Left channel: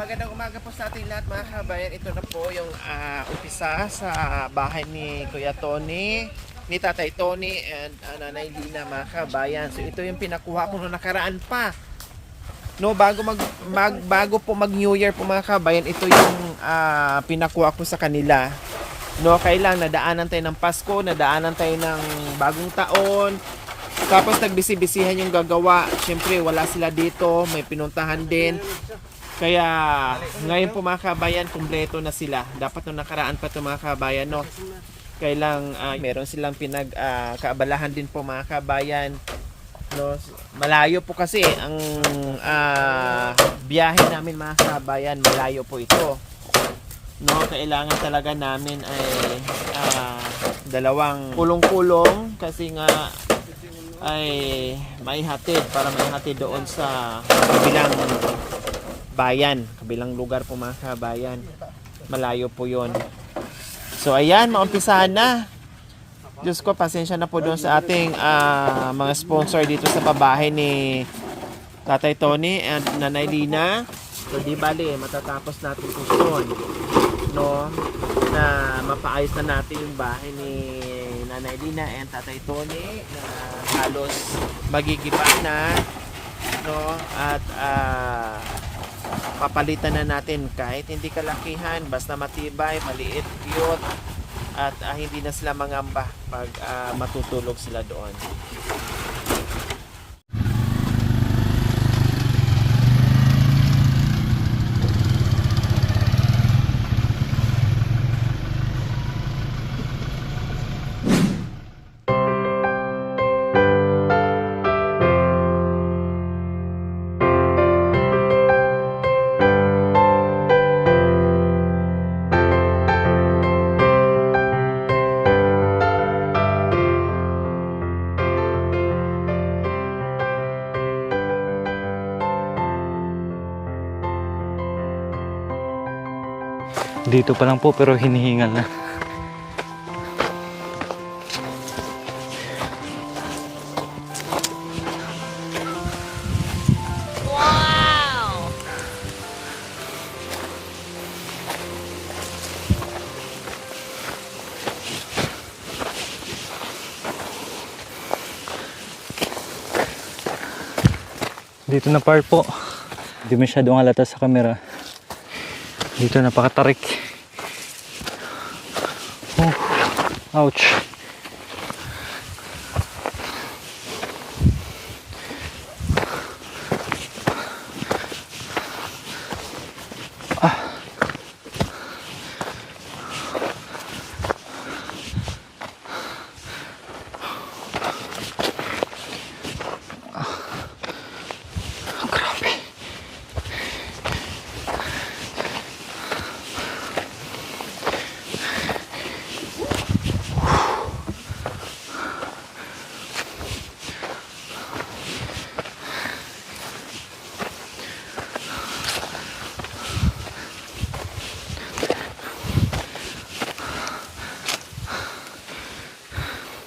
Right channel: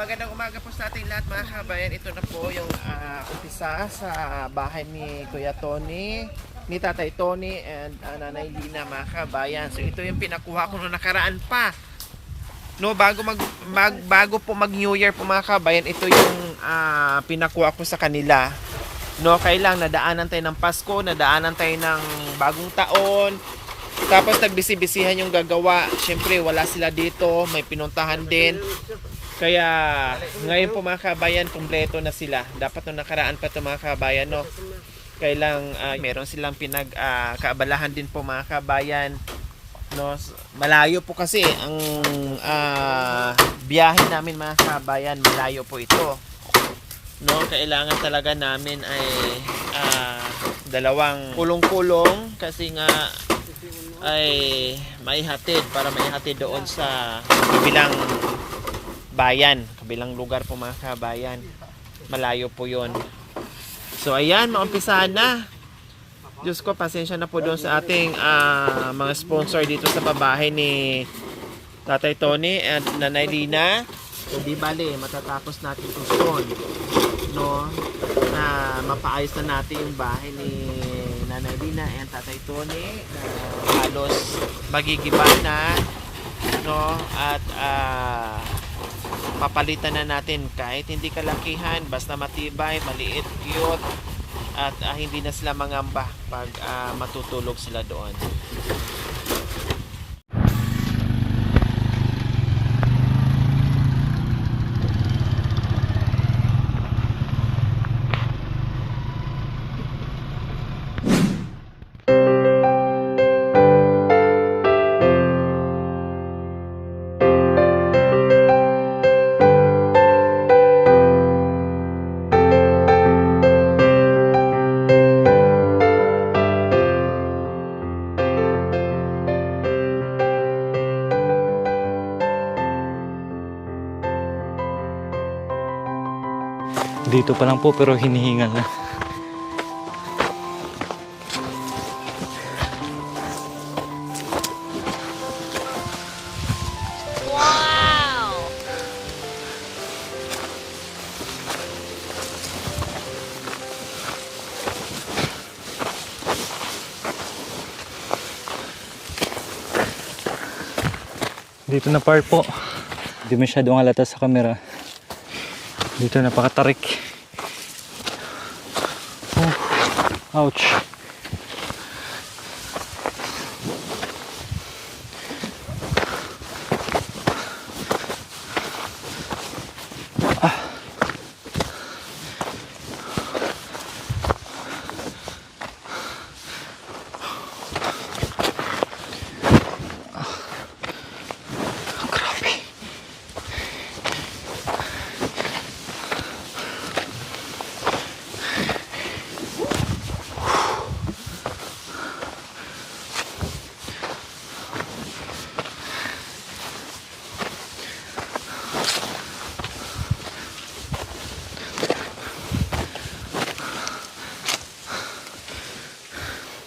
Magandang umaga po sa ating lahat mga kabayan. Ito na po yung umpisa sa bahay ni Kuya Tony, ni Tatay Tony and Nanay Lina mga kabayan. So ito yung pinakuha ko noong nakaraan pa. No, bago po mag New Year po mga kabayan, ito yung pinakuha ko sa kanila. No, kailang nadaanan tayo ng Pasko, nadaanan tayo ng bagong taon. Tapos nagbisi-bisihan yung gagawa. Siyempre wala sila dito, may pinuntahan din. Kaya ngayon po mga kabayan, kumpleto na sila. Dapat nung nakaraan pa ito mga kabayan, no? Kailang meron silang pinagkaabalahan din po mga kabayan. No? Malayo po kasi ang biyahe namin mga kabayan, malayo po ito. No, kailangan talaga namin ay dalawang kulong-kulong kasi nga ay maihatid para maihatid doon sa kabilang bayan, kabilang lugar po mga kabayan. Malayo po yon. So ayan, maumpisahan na. Diyos ko, pasensya na po doon sa ating mga sponsor dito sa pabahay ni Tatay Tony and Nanay Lina. So di bali, matatapos natin ito, no, na mapaayos na natin yung bahay ni Nanay Lina and Tatay Tony na halos magigiba na, no, at papalitan na natin kahit hindi kalakihan, basta matibay, maliit, cute, at hindi na sila mangamba pag matutulog sila doon. Dito pa lang po pero hinihingal na. Wow! Dito na part po. Hindi masyadong halata sa camera. Dito napakatarik. Oh, ouch.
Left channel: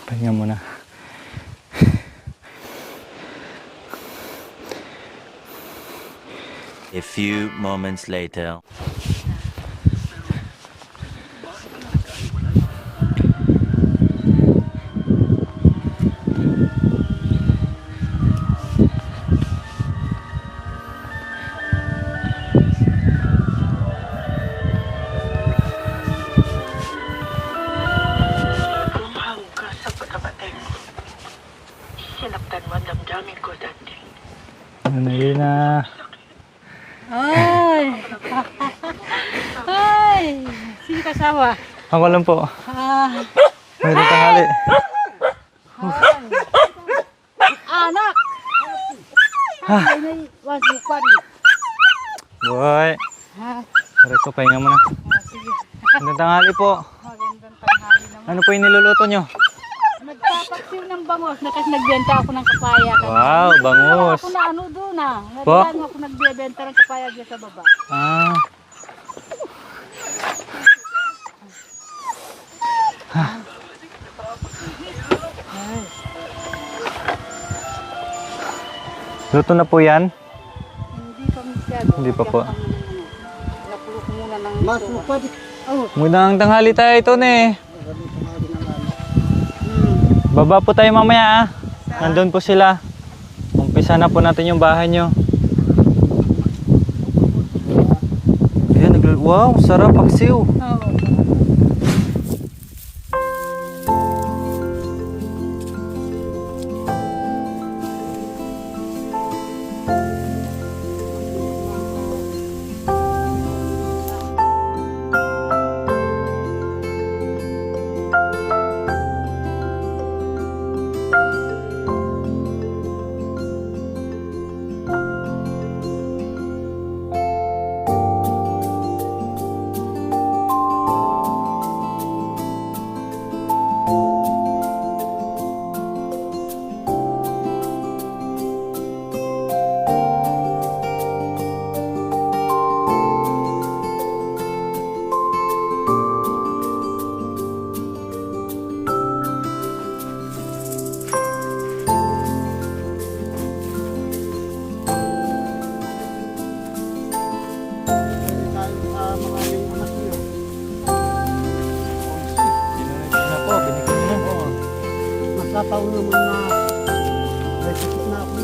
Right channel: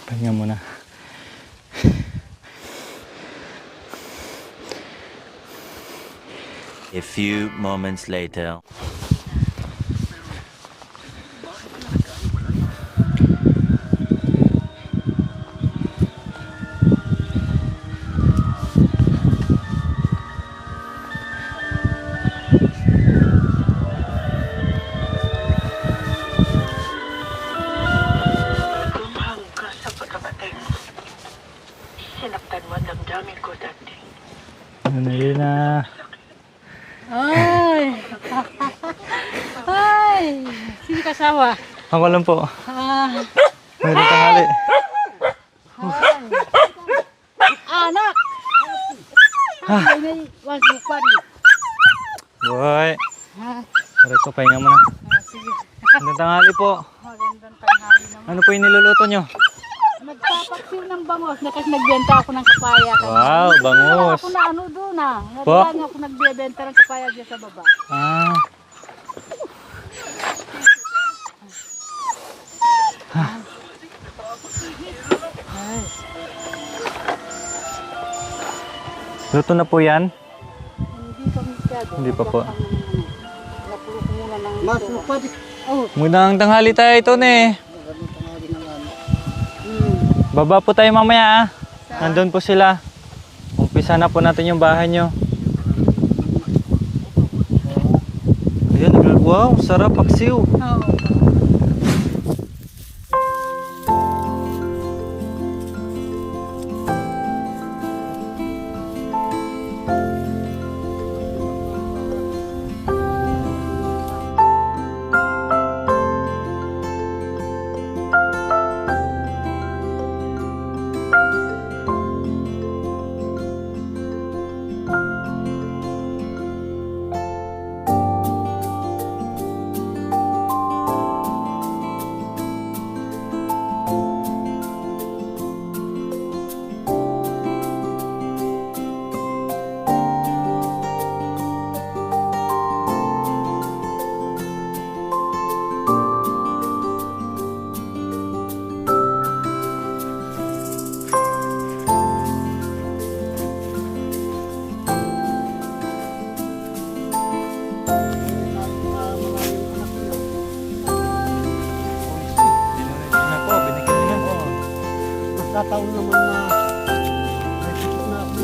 Pahinga muna. A few moments later. Sinaktan mo ang damdamin ko dati. Ano yun na? Ay! Ay! Sino kasama? Ako lang po. Mayroon tanghali. Anak! Ay, may wasupan. Boy. Aray ko, pahinga muna. Sige. Magandang tanghali po. Magandang tanghali naman. Ano po yung niluluto nyo? Nagpapaksiw ng bangos na kasi nagbenta ako ng kapaya. Wow, bangus. Ako na ano doon Po? Nadala ako nagbebenta ng kapaya dyan sa baba. Ah. Ay. Luto na po yan? Hindi pa masyado. Hindi pa po. Kaya Mundang tanghali tayo ito eh. Baba po tayo mamaya ah. Nandun po sila. Umpisa na po natin yung bahay nyo. Ayan, wow, sarap paksiw. Na po, binigyan na. Nagkataon naman na may sakit na ako.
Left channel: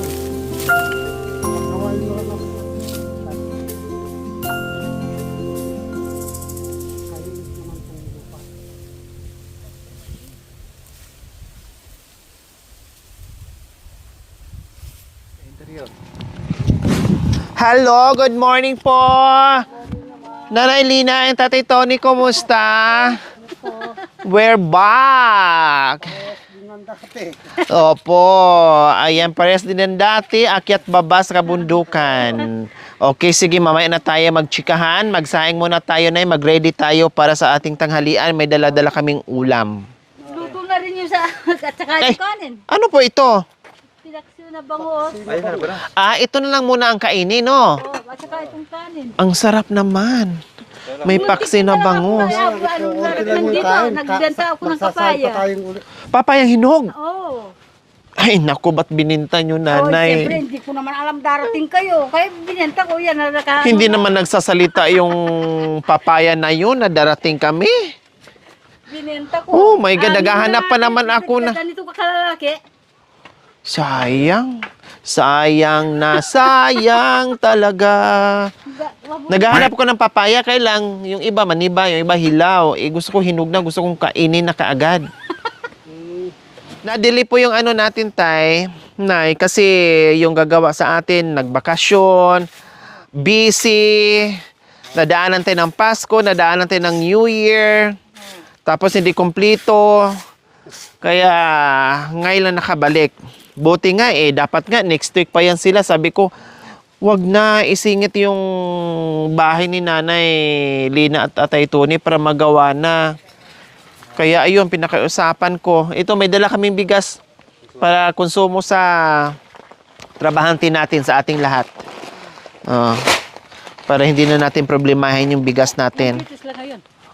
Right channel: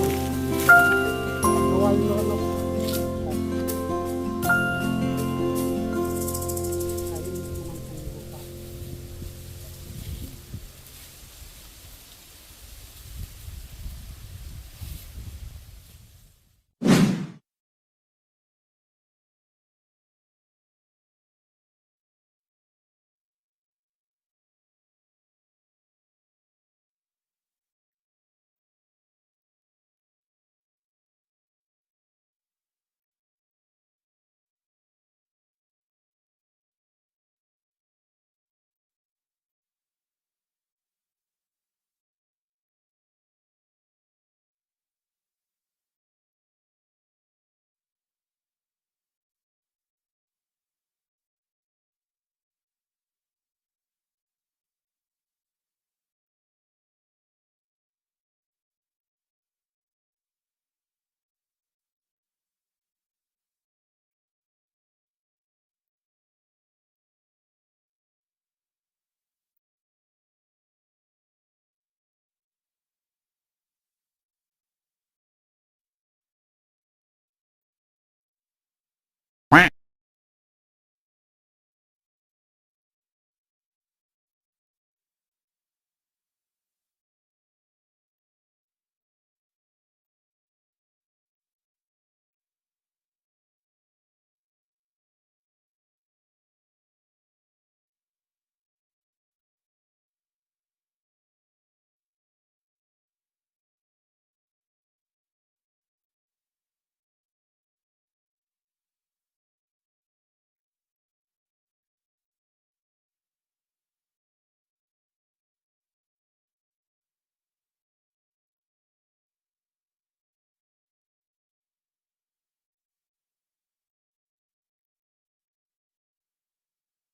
Nawal nyo ako. Hello, good morning po. Nanay Lina and Tatay Tony, kumusta? We're back. Opo, ayan, pares din ng dati, akyat baba sa kabundukan. Okay, sige, mamaya na tayo magchikahan. Magsaing muna tayo na, mag-ready tayo para sa ating tanghalian. May dala-dala kaming ulam. Luto na rin yung sa at saka Ay, yung kanin. ano po ito? Pinaksiw na bangos. Ito na lang muna ang kainin, no? Oh, at saka itong kanin. Ang sarap naman. May paksi na bangus. Nagbenta ako ng papaya. Papayang hinog. Oo. Ay, naku, ba't bininta nyo, Oh, nanay? siyempre, hindi ko naman alam darating kayo. Kaya binenta ko yan. Hindi naman nagsasalita yung papaya na yun na darating kami. Binenta ko. Oh my God, naghahanap pa naman ako na. Ganito ka kalalaki. Sayang. Sayang na sayang talaga. Naghahanap ko ng papaya, kaya lang yung iba maniba, yung iba hilaw. Gusto ko hinog na, gusto kong kainin na kaagad. Nadili po yung ano natin, Tay, Nay, kasi yung gagawa sa atin, nagbakasyon, busy, nadaanan tayo ng Pasko, nadaanan tayo ng New Year, tapos hindi kumpleto, kaya ngayon lang nakabalik. Buti nga dapat nga next week pa yan sila. Sabi ko, wag na isingit yung bahay ni Nanay Lina at Tatay Tony para magawa na. Kaya ayun, pinakausapan ko. Ito, may dala kaming bigas para konsumo sa trabahante natin, sa ating lahat. Para hindi na natin problemahin yung bigas natin.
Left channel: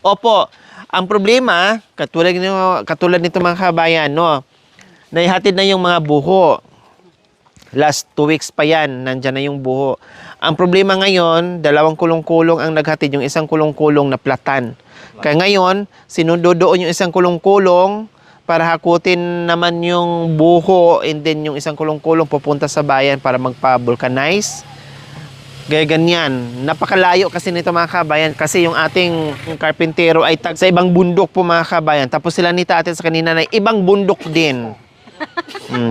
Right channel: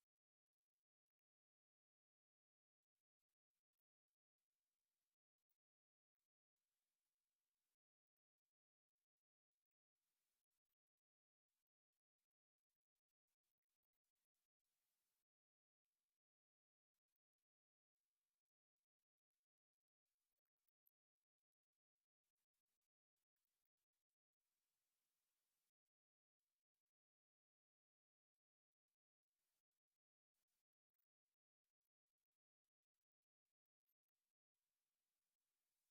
Opo, ang problema, katulad nito mga kabayan, no? Naihatid na yung mga buho. Last 2 weeks pa yan, nandyan na yung buho. Ang problema ngayon, 2 kulong-kulong ang naghatid, yung isang kulong-kulong na platan. Kaya ngayon, sinudodoon yung isang kulong-kulong para hakutin naman yung buho, and then yung isang kulong-kulong pupunta sa bayan para magpa-vulcanize. Gaya ganyan. Napakalayo kasi nito mga kabayan, kasi yung ating karpintero ay tag sa ibang bundok po mga kabayan. Tapos sila ni Tate sa kanina na ibang bundok din.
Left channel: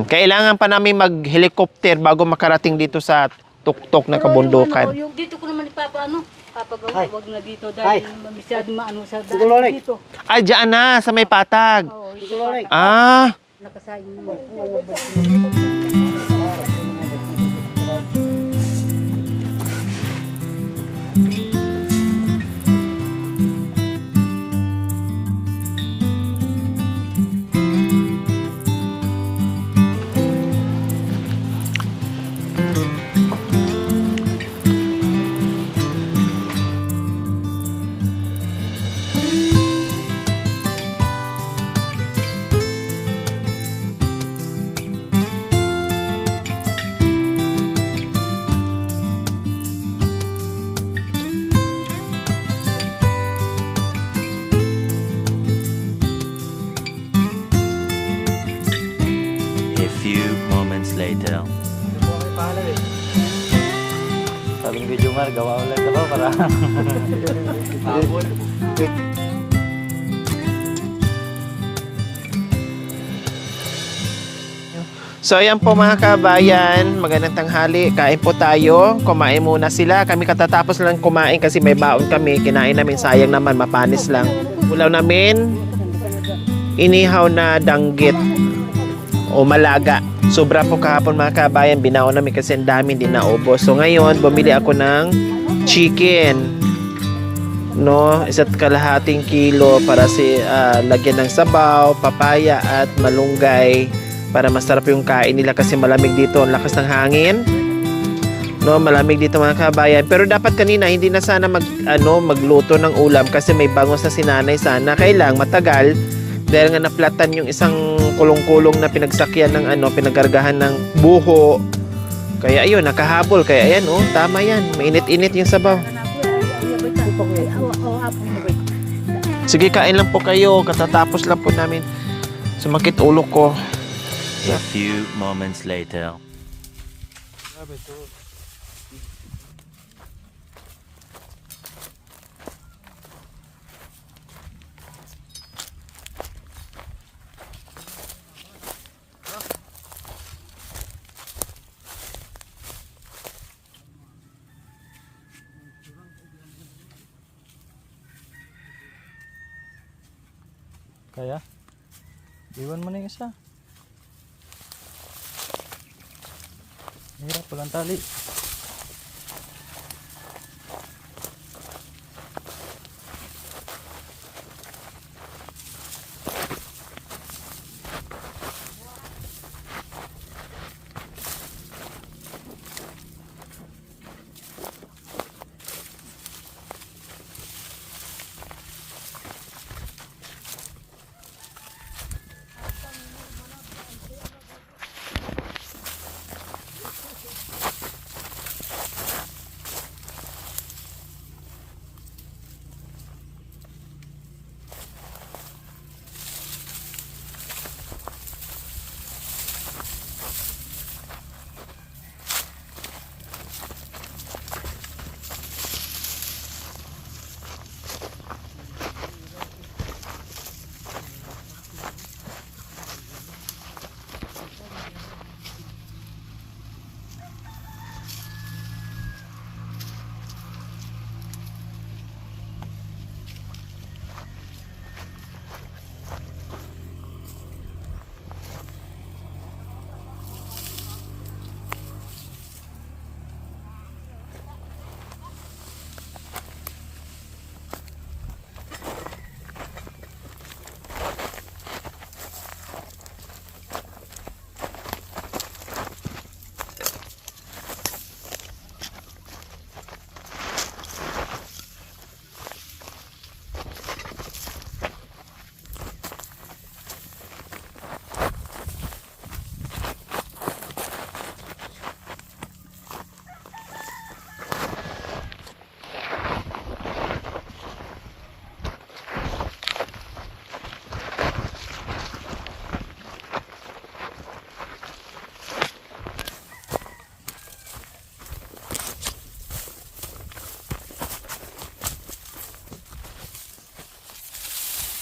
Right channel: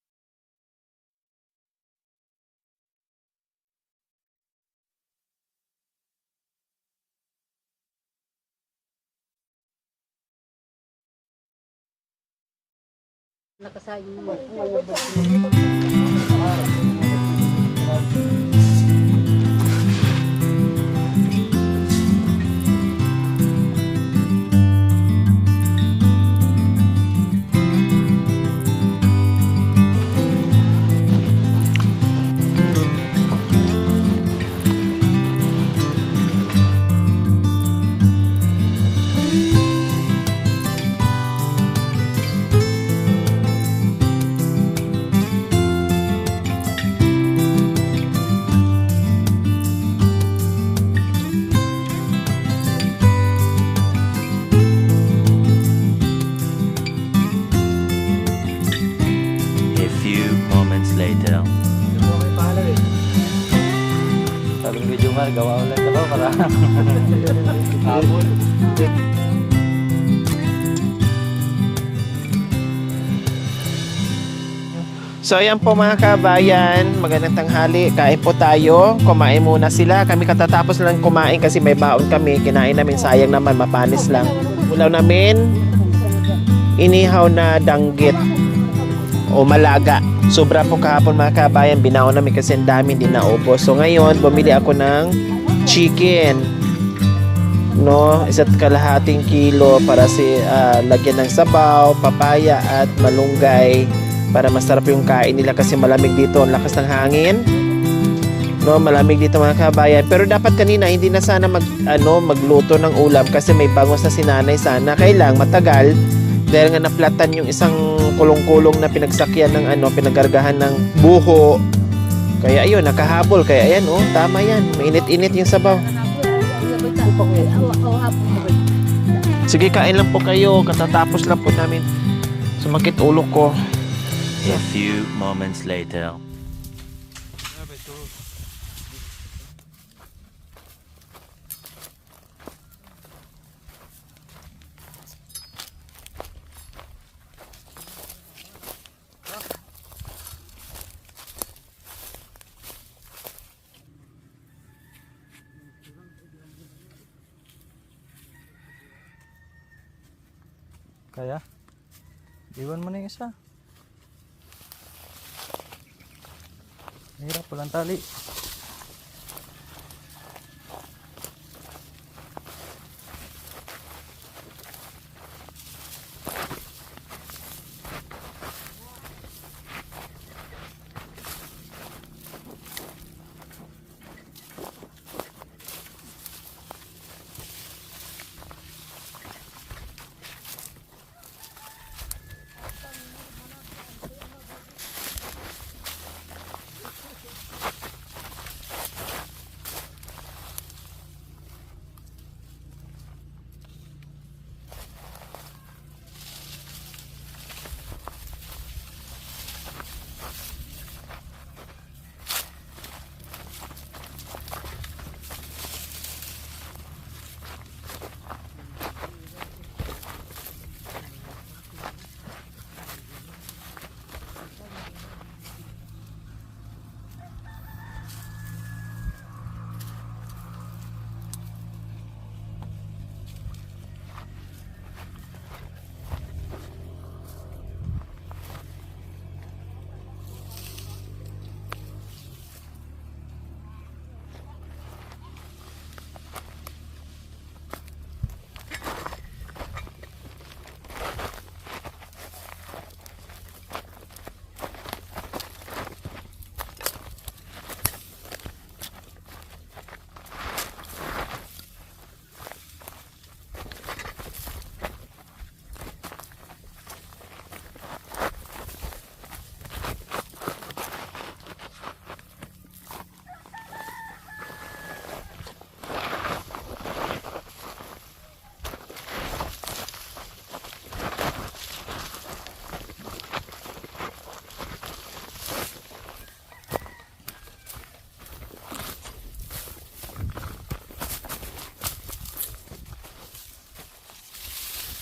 Kailangan pa namin mag-helicopter bago makarating dito sa tuktok na kabundukan. Yung dito ko naman papagawa, wag na dito dahil masyado maano sa daan dito. Ay, dyan na, sa may patag. Oo, nakasayang mo. gawa ulit ako para habol. So ayan po mga kabayan, magandang tanghali, kain po tayo, kumain muna sila, kami katatapos lang kumain kasi may baon kami, kinain namin, sayang naman, mapanis lang. Ulaw namin, inihaw na danggit o malaga. Sobra po kahapon mga kabayan, binaon namin kasi ang dami, hindi naubos. So ngayon, bumili ako ng chicken, no, 1.5 kilo para lagyan ng sabaw, papaya at malunggay para masarap yung kain nila kasi malamig dito, ang lakas ng hangin. No, malamig dito mga kabayan. Pero dapat kanina hindi na sana magluto ng ulam kasi may bangos na sinanay sana. Kailang matagal dahil nga naplatan yung isang kulong-kulong na pinagsakyan ng pinagargahan ng buho. Kaya ayun, nakahabol. Kaya ayan, oh, tama yan. Mainit-init yung sabaw. Sige, kain lang po kayo. Katatapos lang po namin. Sumakit ulo ko. A few moments later. Kaya, iwan mo na yung isa. Hirap, walang tali.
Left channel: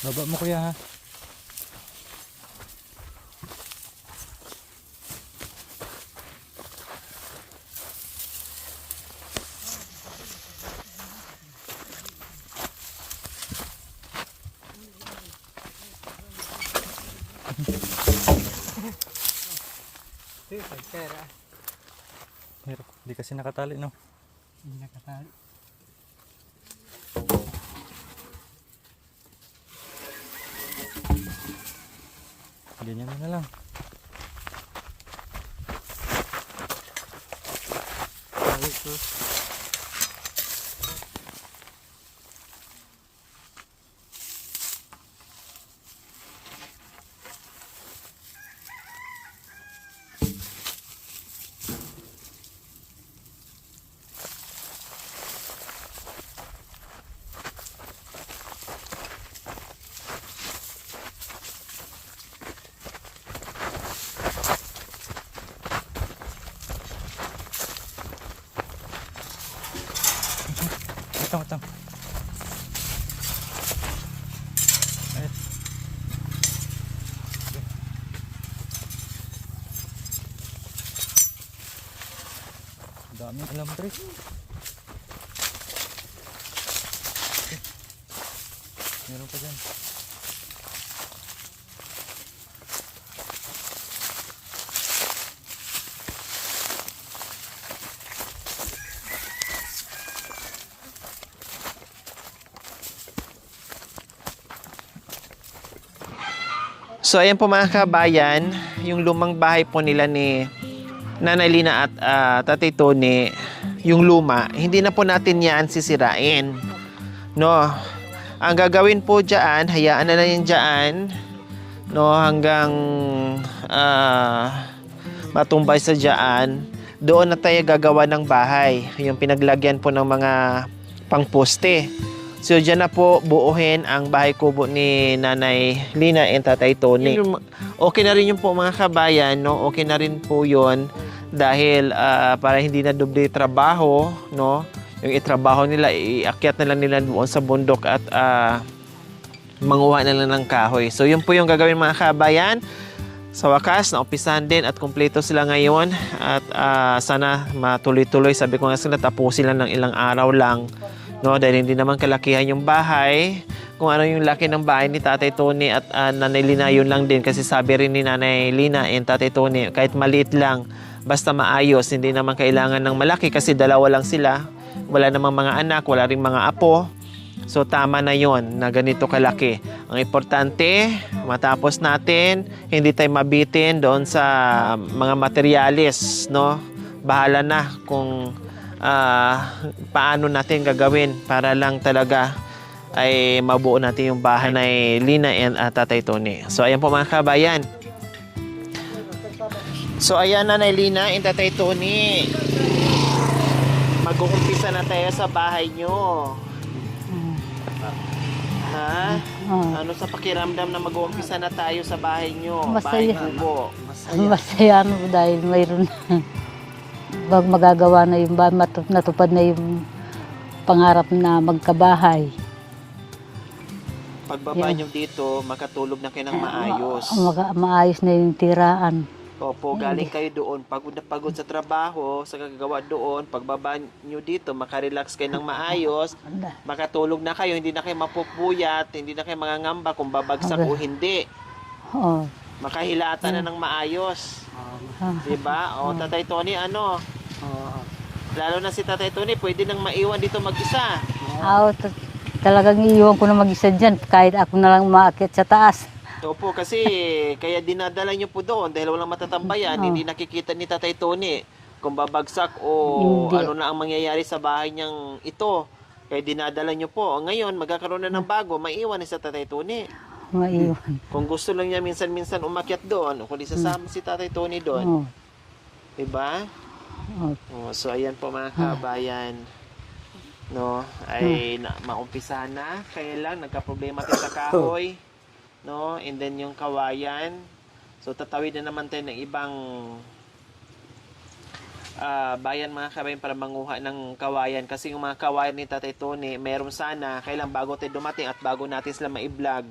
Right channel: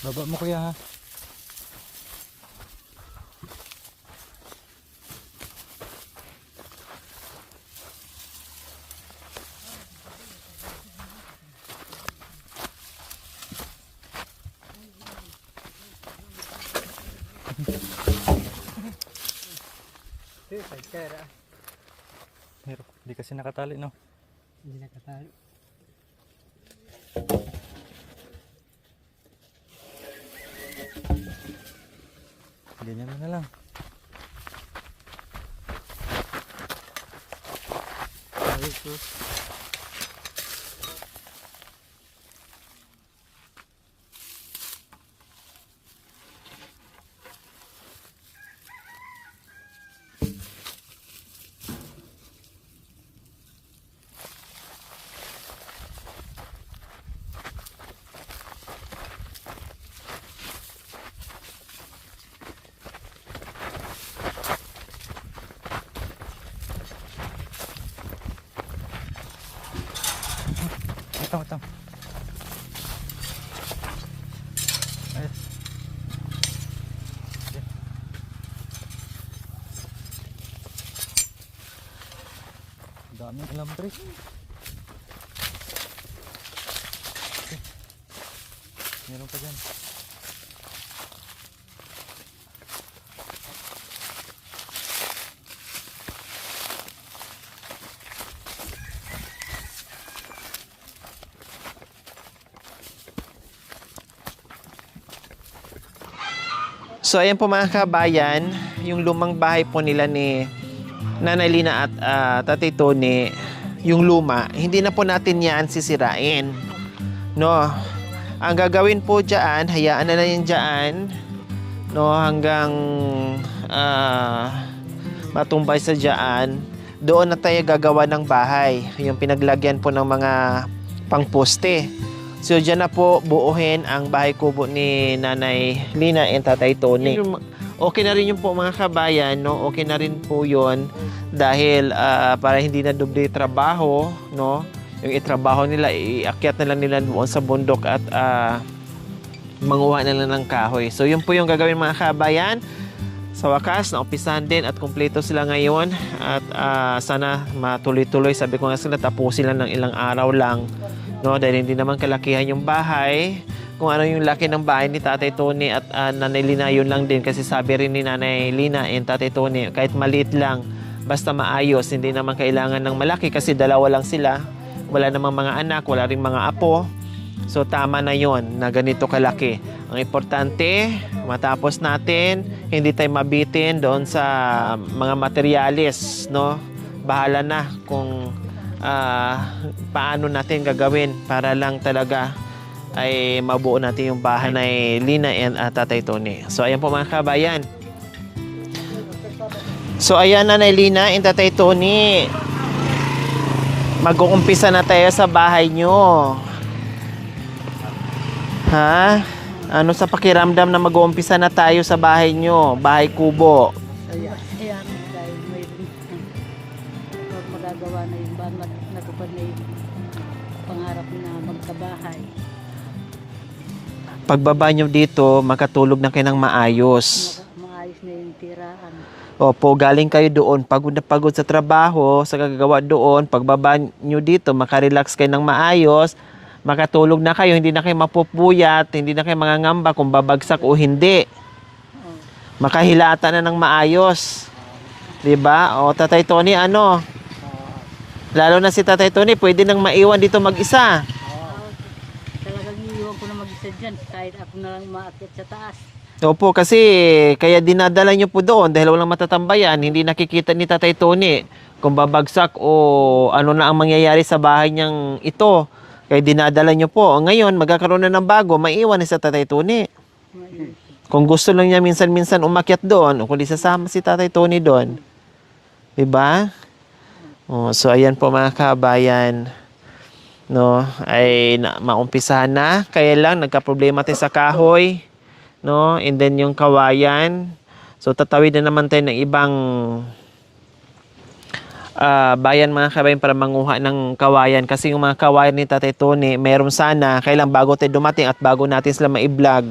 Baba mo kuya ha. Hirap, di kasi nakatali no. Hindi nakatali. Ganyan mo na lang. Ito. Daming alam, Tres. Meron pa dyan. So ayan po mga kabayan, yung lumang bahay po nila ni Nanay Lina at Tatay Tony, yung luma, hindi na po natin yan sisirain. No, ang gagawin po dyan, hayaan na lang yan dyan, no, hanggang matumbay sa dyan. Doon na tayo gagawa ng bahay, yung pinaglagyan po ng mga pangposte. So dyan na po buuhin ang bahay kubo ni Nanay Lina and Tatay Tony. Okay na rin yung po mga kabayan, no? Okay na rin po yun dahil para hindi na doble trabaho, no? Yung itrabaho nila, iakyat na lang nila doon sa bundok at manguha na lang ng kahoy. So yun po yung gagawin mga kabayan. Sa wakas, naumpisahan din at kumpleto sila ngayon at sana matuloy-tuloy. Sabi ko nga sila, tapusin lang ng ilang araw lang. No, dahil hindi naman kalakihan yung bahay. Kung ano yung laki ng bahay ni Tatay Tony at Nanay Lina, yun lang din. Kasi sabi rin ni Nanay Lina and Tatay Tony, kahit maliit lang, basta maayos, hindi naman kailangan ng malaki kasi dalawa lang sila. Wala namang mga anak, wala ring mga apo. So tama na yon na ganito kalaki. Ang importante, matapos natin, hindi tayo mabitin doon sa mga materyales, no? Bahala na kung paano natin gagawin para lang talaga ay mabuo natin yung bahay ni Lina and Tatay Tony. So ayan po mga kabayan. So ayan Nanay Lina and Tatay Tony. Mag-uumpisa na tayo sa bahay nyo. Ha? Ano sa pakiramdam na mag-uumpisa na tayo sa bahay nyo? Masaya. Bahay kubo. Masaya dahil mayroon magagawa na yung natupad na yung pangarap na magkabahay. Pagbaba nyo dito, makatulog na kayo ng maayos. Maayos na yung tiraan. Opo, galing kayo doon, pagod na pagod sa trabaho, sa kagagawa doon, pagbaba nyo dito, makarelax kayo ng maayos, makatulog na kayo, hindi na kayo mapupuyat, hindi na kayo mangangamba kung babagsak o hindi. Oo. Makahilata na ng maayos. Diba? O, Tatay Tony, ano? Lalo na si Tatay Tony, pwede nang maiwan dito mag-isa. Talagang iiwan ko na mag-isa dyan, kahit ako na lang maakyat sa taas. Opo, kasi kaya dinadala nyo po doon dahil walang matatambayan, hindi nakikita ni Tatay Tony kung babagsak o ano na ang mangyayari sa bahay niyang ito. Kaya dinadala nyo po. Ngayon, magkakaroon na ng bago, maiwan ni sa Tatay Tony. Maiwan. Kung gusto lang niya minsan-minsan umakyat doon, o kundi sasama si Tatay Tony doon. Diba? So, ayan po mga kabayan. No, ay maumpisahan na. Kaya lang, nagka-problema tayo sa kahoy. No, and then yung kawayan. So, tatawid na naman tayo ng ibang bayan mga kabayan para manguha ng kawayan. Kasi yung mga kawayan ni Tatay Tony, meron sana. Kailan bago tayo dumating at bago natin sila ma-vlog,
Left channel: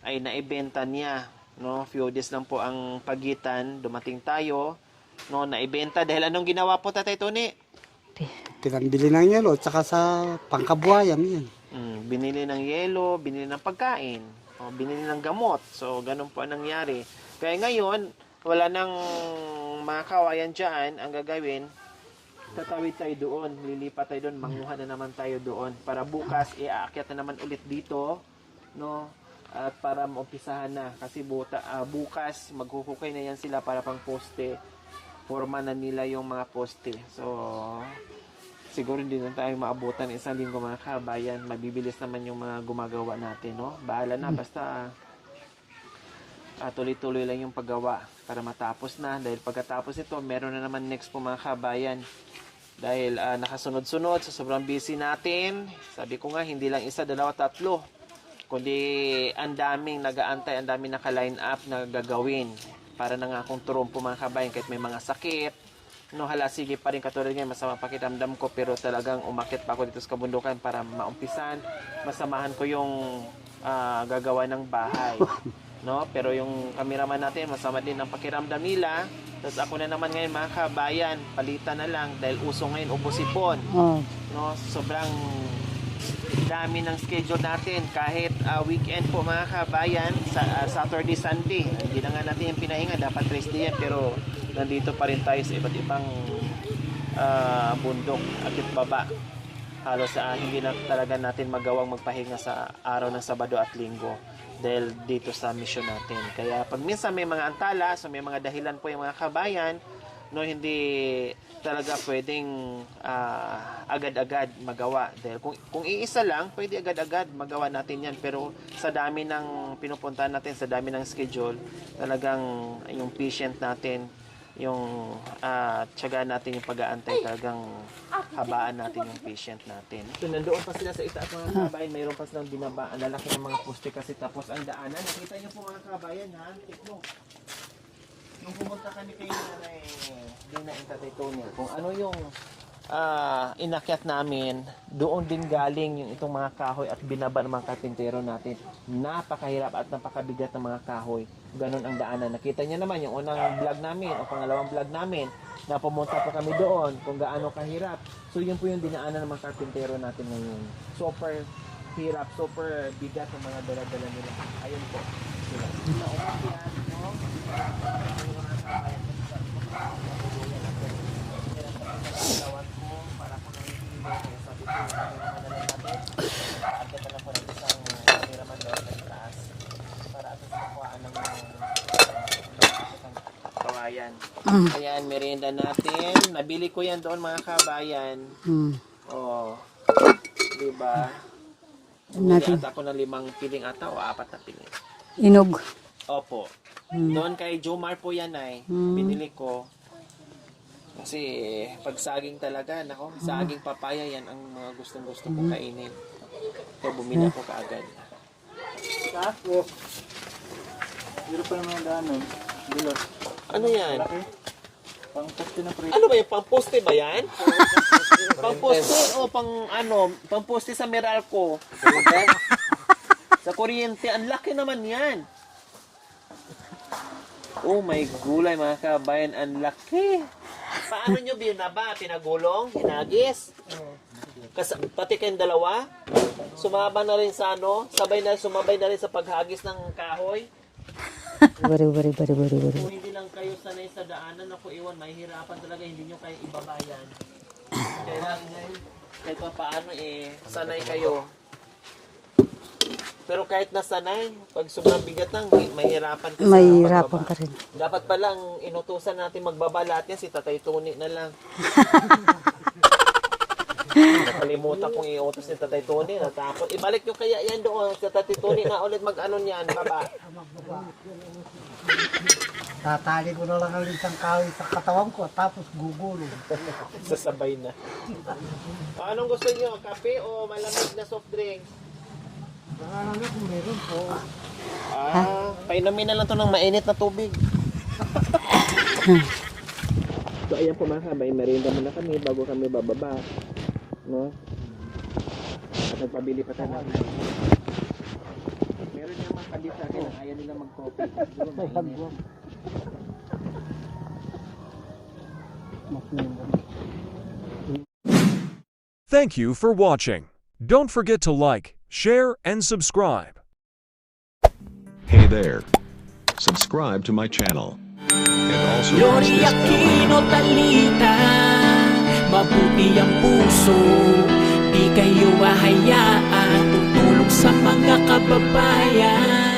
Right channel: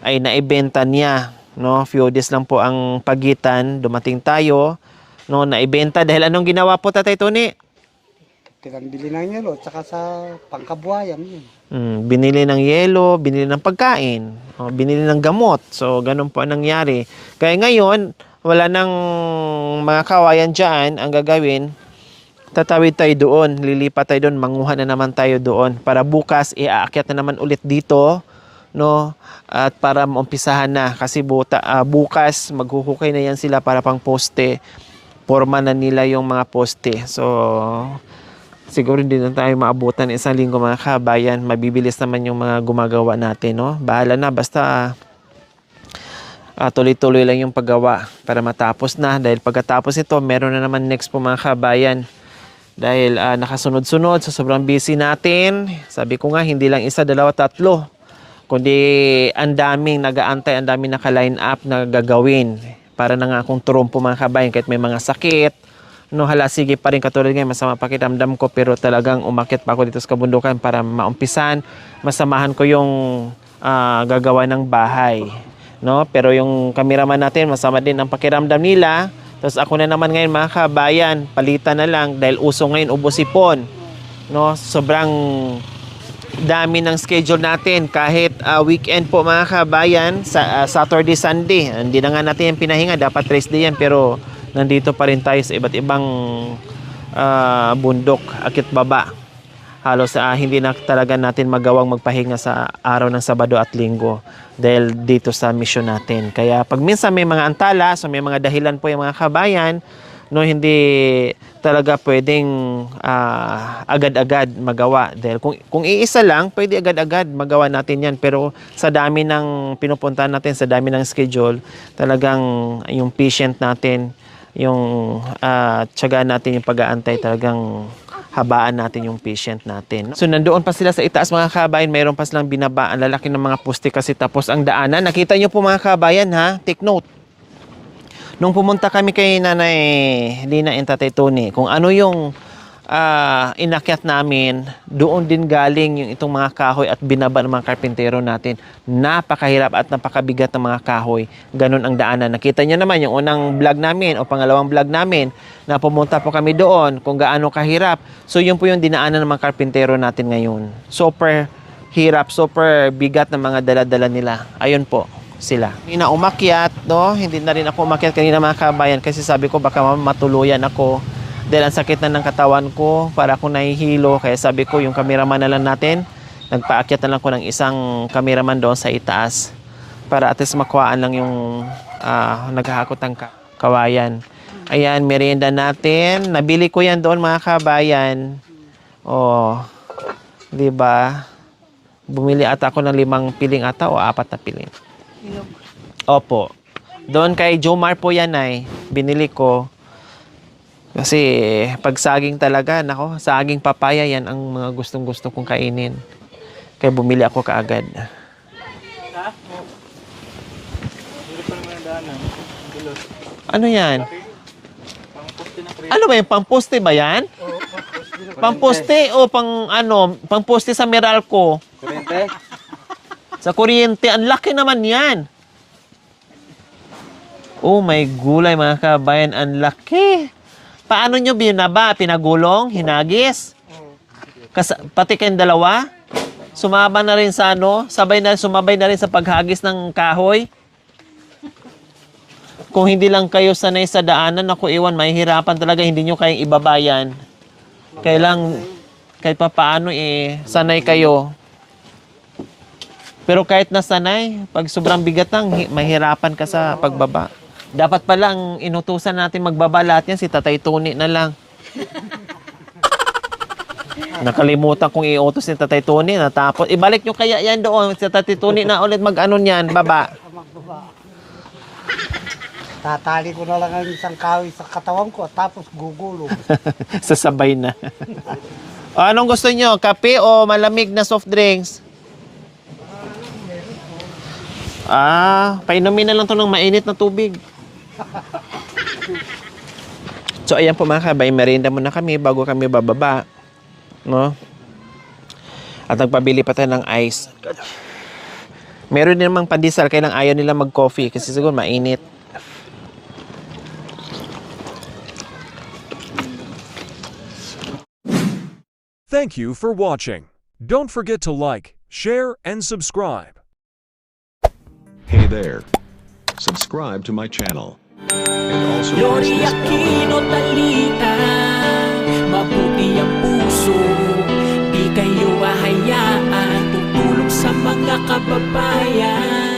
ay naibenta niya. No, few days lang po ang pagitan. Dumating tayo. No, naibenta. Dahil anong ginawa po Tatay Tony? Pinambili ng yelo, tsaka sa pangkabuhayan yun. Binili ng yelo, binili ng pagkain, binili ng gamot. So, ganun po ang nangyari. Kaya ngayon, wala nang mga kawayan dyan. Ang gagawin, tatawid tayo doon, lilipat tayo doon, manguha na naman tayo doon. Para bukas, iaakyat na naman ulit dito, no? At para maumpisahan na. Kasi bukas, maghuhukay na yan sila para pang poste. Forma na nila yung mga poste. So, siguro hindi na tayo maabutan isang linggo mga kabayan. Mabibilis naman yung mga gumagawa natin, no? Bahala na, basta tuloy-tuloy lang yung paggawa para matapos na. Dahil pagkatapos ito, meron na naman next po mga kabayan. Dahil nakasunod-sunod sa sobrang busy natin. Sabi ko nga, hindi lang isa, dalawa, tatlo. Kundi ang daming nag-aantay, ang daming naka-line up na gagawin. Para na nga akong trumpo mga kabayan kahit may mga sakit. no, hala, sige pa rin katulad ngayon, masama pakiramdam ko, pero talagang umakyat pa ako dito sa kabundukan para maumpisan, masamahan ko yung gagawa ng bahay, no? Pero yung cameraman natin, masama din ang pakiramdam nila. Tapos ako na naman ngayon, mga kabayan, palitan na lang dahil uso ngayon ubo-sipon, Oh. no? Sobrang dami ng schedule natin kahit weekend po, mga kabayan, sa Saturday, Sunday. Hindi na nga natin yung pinahinga, dapat rest day yan, pero nandito pa rin tayo sa iba't ibang bundok, akit baba. Halos hindi na talaga natin magawang magpahinga sa araw ng Sabado at Linggo dahil dito sa mission natin. Kaya pag minsan may mga antala, so may mga dahilan po yung mga kabayan, no, hindi talaga pwedeng agad-agad magawa. Dahil kung iisa lang, pwede agad-agad magawa natin yan. Pero sa dami ng pinupuntahan natin, sa dami ng schedule, talagang yung patient natin, yung tiyaga natin, yung pag-aantay, talagang habaan natin yung patient natin. So nandoon pa sila sa itaas, mga kabayan, mayroon pa silang binaba ang lalaki ng mga poste kasi tapos ang daanan. Nakita nyo po, mga kabayan, ha? Take note. Nung pumunta kami kay Nanay Lina and Tatay Tony, kung ano yung inakyat namin, doon din galing yung itong mga kahoy at binaba ng mga karpintero natin. Napakahirap at napakabigat ng mga kahoy. Ganun ang daanan. Nakita nyo naman yung unang vlog namin o pangalawang vlog namin na pumunta po kami doon kung gaano kahirap. So yun po yung dinaanan ng mga karpintero natin ngayon. Super hirap, super bigat ng mga dala-dala nila. Ayun po sila. Hindi na umakyat, no? Hindi na rin ako umakyat kanina, mga kabayan, kasi sabi ko baka matuluyan ako. Dahil ang sakit na ng katawan ko, para ako nahihilo. Kaya sabi ko, yung cameraman na lang natin, nagpaakyat na lang ko ng isang cameraman doon sa itaas. Para at least makuhaan lang yung naghahakot ng kawayan. Ayan, merienda natin. Nabili ko yan doon, mga kabayan. Oh, di ba? Bumili ata ako ng 5 piling ata o 4 na piling. Inog. Opo. Doon kay Jomar po yan ay binili ko. Kasi pag saging talaga, nako, saging papaya, yan ang mga gustong-gusto kong kainin. Kaya bumili ako kaagad. Ano yan? Ano ba yung pamposte ba yan? Pamposte o pamposte sa Meralco? Sa kuryente, ang laki naman yan. Oh my gulay, mga kabayan, ang laki. Paano nyo binaba? Pinagulong? Hinagis? Pati kayong dalawa? Sumaba na rin sa sumabay na rin sa paghagis ng kahoy? Bari. Kung hindi lang kayo sanay sa daanan, ako iwan, mahihirapan talaga, hindi nyo kayang ibabayan. Kahit pa paano, sanay kayo. Pero kahit nasanay, pag sobrang bigat lang, mahirapan ka sa pagbaba. Dapat palang inutusan natin magbaba lahat yan, si Tatay Tony na lang. Nakalimutan kong iutos ni Tatay Tony. Natapos, ibalik nyo kaya yan doon. Si Tatay Tony na ulit mag-ano niyan, baba. Tatali ko na lang ang isang kahoy sa katawan ko tapos gugulong. Sasabay na. O, anong gusto nyo? Kape o malamig na soft drinks? Painumin na lang to ng mainit na tubig. So, ayan po, mga kabay, merienda muna kami bago kami bababa. No? At nagpabili pa tayo ng ice. Meron din namang pandesal, kailang ayaw nila mag-coffee kasi siguro mainit. Thank you for watching. Don't forget to like, share, and subscribe. Hey there. Subscribe to my channel. And also press Lori this bell Aquino icon. Talita, mabuti ang puso, di kayo hahayaan, tutulong sa mga kababayan.